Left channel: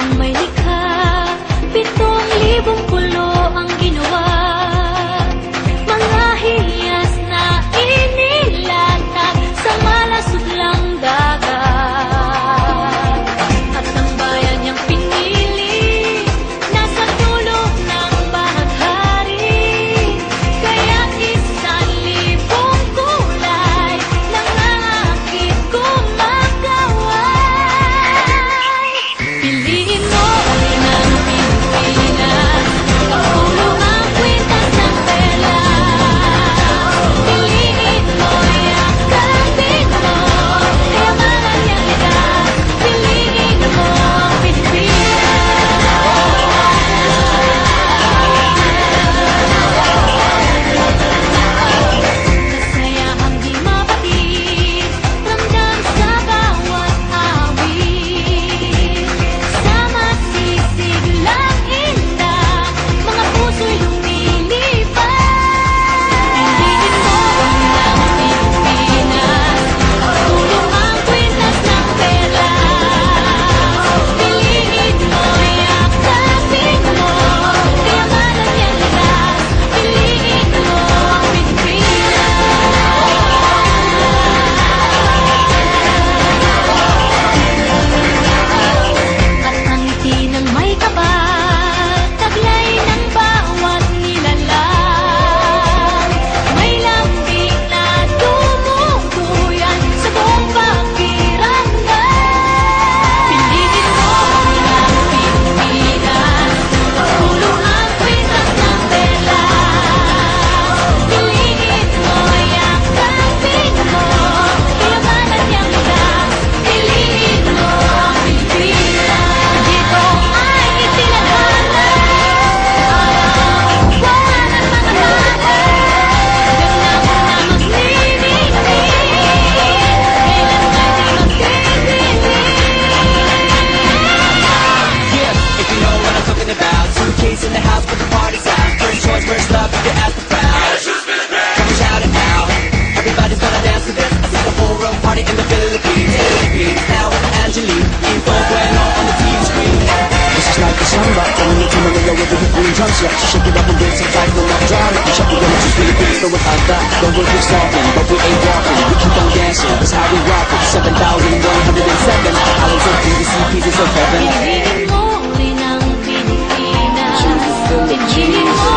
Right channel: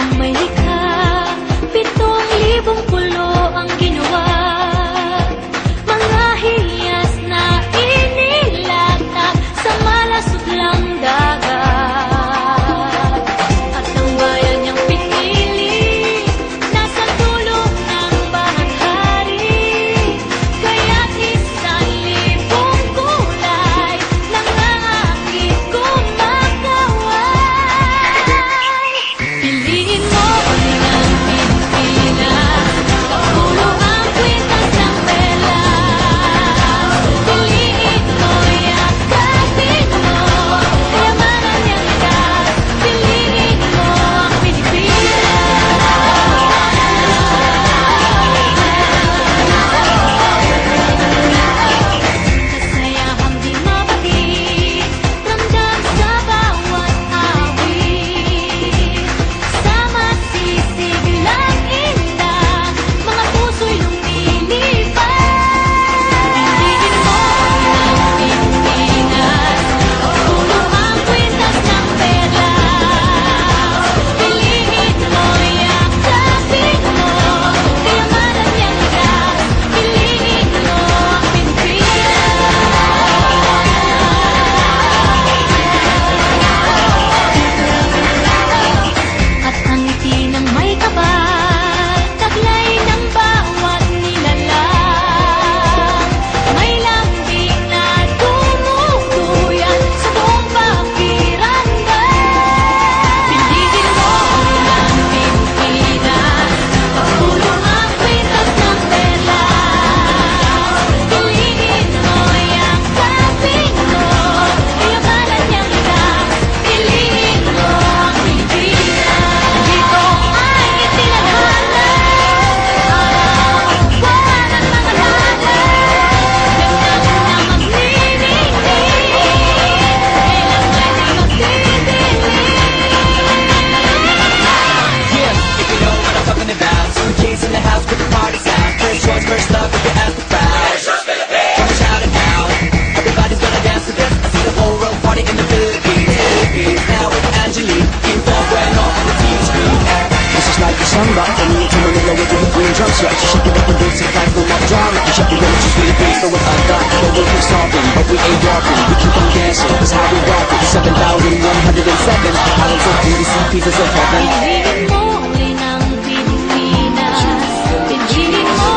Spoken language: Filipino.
Ang may likha, 7,000 pulo ang ginawa. Mga hiyas na inilatag sa malasutlang dagat. At ang bayan niyang pinili, nasa dulo ng bahaghari. Kaya 1,000 kulay lang aakit kumakaway. Piliin mo rin ang Pilipinas, kapulo ang kwintas ng perlas. Piliin mo, yakapin mo, kayamanan niyang likas. Piliin mo ang Pilipinas. Kasayahang di mapatid, ramdam sa bawat awit. Sama sisig lang indak, mga puso'y lumilipad. Piliin mo rin ang Pilipinas, kapulo ang kwintas ng perlas. Piliin mo, yakapin mo, kayamanan niyang likas. Piliin mo ang Pilipinas. At ang ngiti ng may kapal, taglay ng bawat nilalang. May lambing na tumutuyan sa buong pakiramdam. Piliin mo rin ang Pilipinas, kapulo ang kwintas ng perlas. Piliin mo, yakapin mo, kayamanan niyang likas. Piliin mo ang Pilipinas. Dito ay itinadhana, araw, buwan at mga tala. Ganap na magniningning, kailan may di magdidilim. Yeah, if you know what I'm talking about. Suitcase in the house, put the parties out. First choice, first love, if you ask the crowd. Come and shout it out. Everybody's gonna dance to this. I see the whole world party in the Philippines. Now with Angelique, info bueno on the TV screen. This is like a samba, coming into Manila with the hip and drums. Yeah, she shake it up and dance it like no more drama. And shut the limits, just Philippines, throw it out that. The world keeps talking, but we ain't walking. We keep on dancing, that's how we rock it. 7,107 islands of PVC, pieces of heaven. Piliin mo rin ang Pilipinas. Piliin mo